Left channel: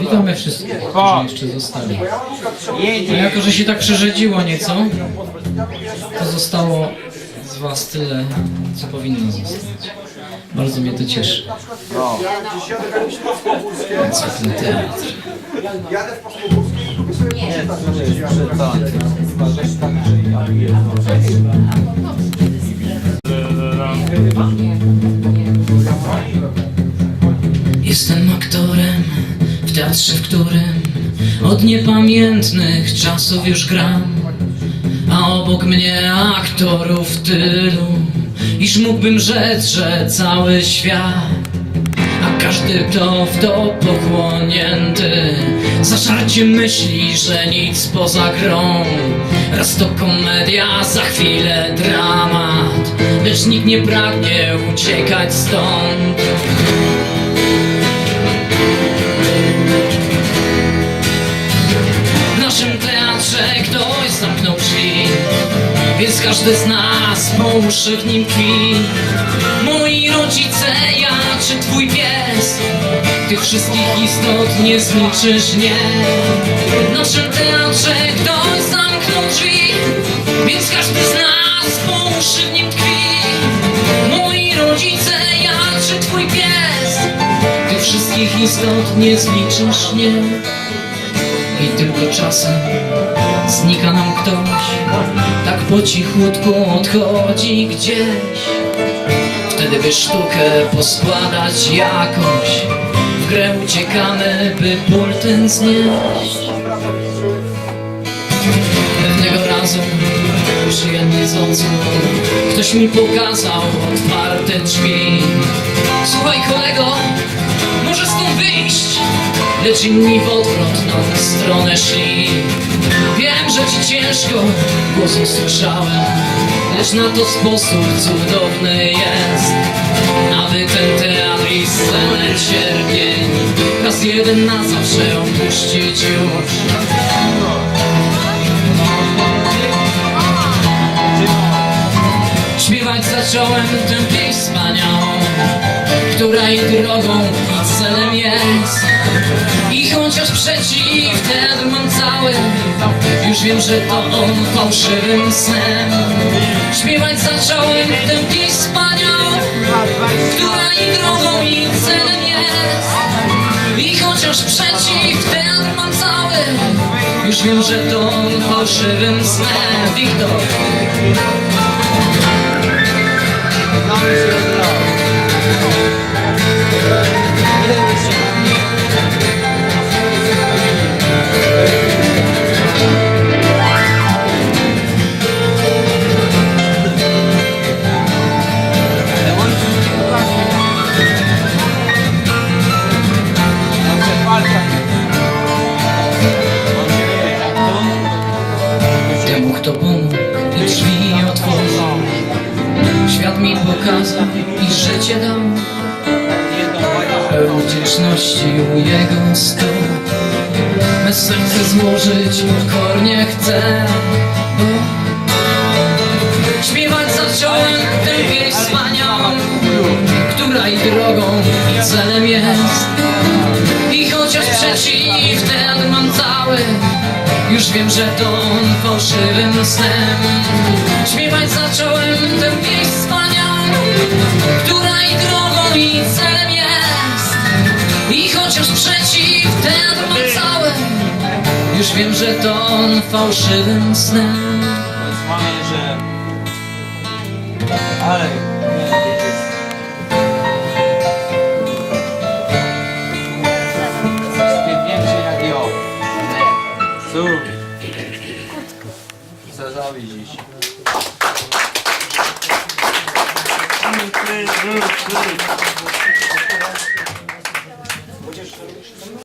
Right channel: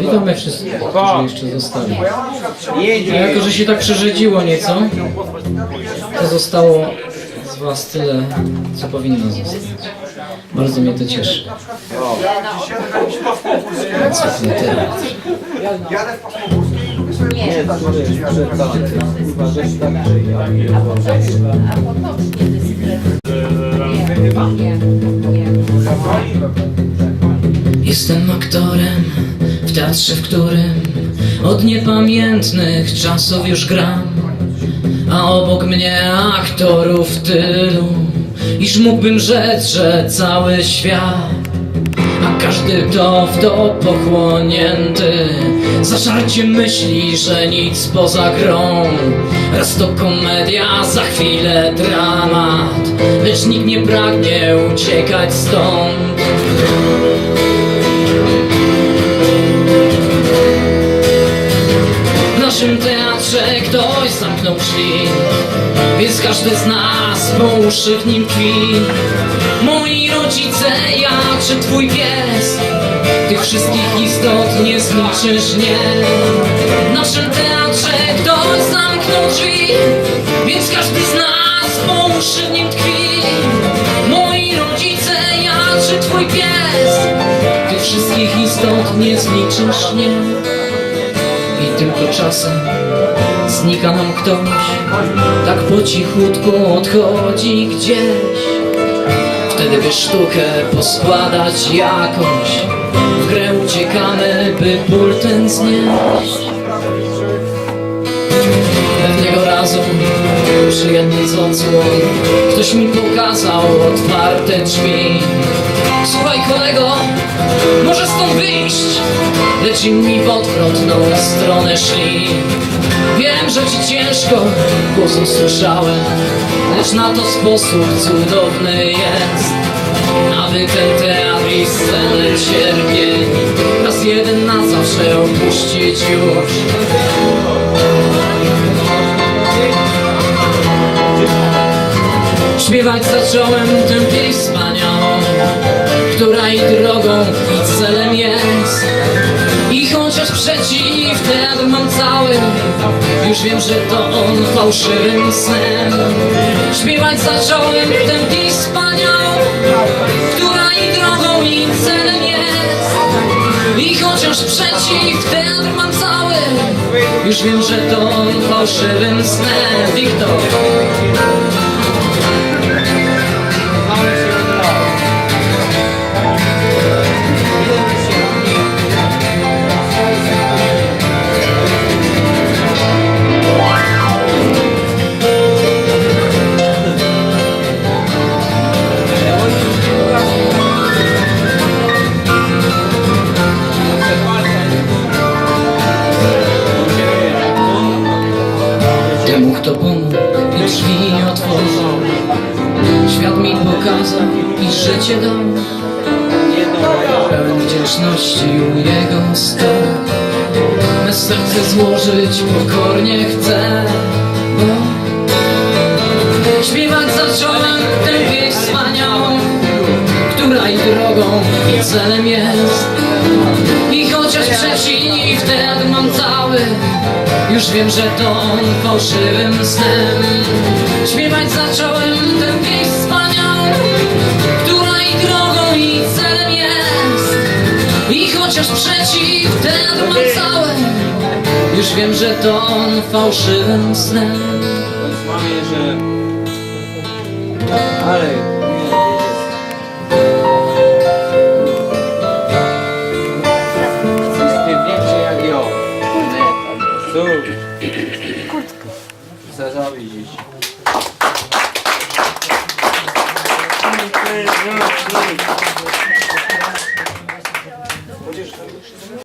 Witamy wszystkich, którzy jeszcze zostali. A jako, że się tak przerzedziło nieco, to zostało z Was tyle, co powinno zostać. Bardzo mnie to cieszy. Cykle teatr. Nie, który jest przed tańcem. Chyba, że tak, że ja pierdolę. Jestem aktorem teatrze, w którym od niepamiętnych czasów już gram. A obok mnie aktorów tylu, iż mógłbym rzec, że cały świat. A każdy to w to pochłonięty Zażarcie myśli, że nic poza grą Raz to komedia, za chwilę dramat Lecz nikt nie pragnie uciekać stąd każdy z nas po uszy w nim tkwi Moi rodzice, ja czy twój pies? Tych wszystkich istot nie zliczysz, nie. W naszym teatrze ktoś zamknął drzwi Więc każdy z nas po uszy w nim tkwi Moi rodzice, ja czy twój pies? Tych wszystkich istot nie zliczysz, nie tylko czasem znika nam ktoś Tak po cichutku odchodzi gdzieś. Wtedy by sztukę poskładać jakoś W grę uciekamy, by ból ten znieść. Pewnego razu przyjemnie z odsłon Ktoś mi pokazał otwarte drzwi. Słuchaj kolego, Inni w odwrotną stronę szli. Wiem, że ci ciężko, głos usłyszałem Lecz na to sposób cudowny jest. Aby ten teatr i scenę cierpień Raz jeden na zawsze opuścić już. Śpiewać zacząłem tę pieśń wspaniałą Która i przeciw teatr mam cały Już wiem, że to on fałszywym snem. Śpiewać zacząłem tę wspaniałą Która i drogą i celem jest. I chociaż przeciw teatr mam cały Już wiem, że to on fałszywym snem. Wiktor Pokazał i życie dał Pełen wdzięczności u jego stóp Me serce złożyć pokornie chcę Bo śpiewać zacząłem tę pieśń wspaniałą Która i drogą i celem jest. I chociaż przeciw teatr mam cały Już wiem, że to on fałszywym snem. Śpiewać zacząłem tę pieśń Która i drogą i celem jest. I chociaż przeciw cały Już wiem, że to on fałszywym snem. Mamie, że... Ale... Cóż. Cesarzowi dziś. 嗯那你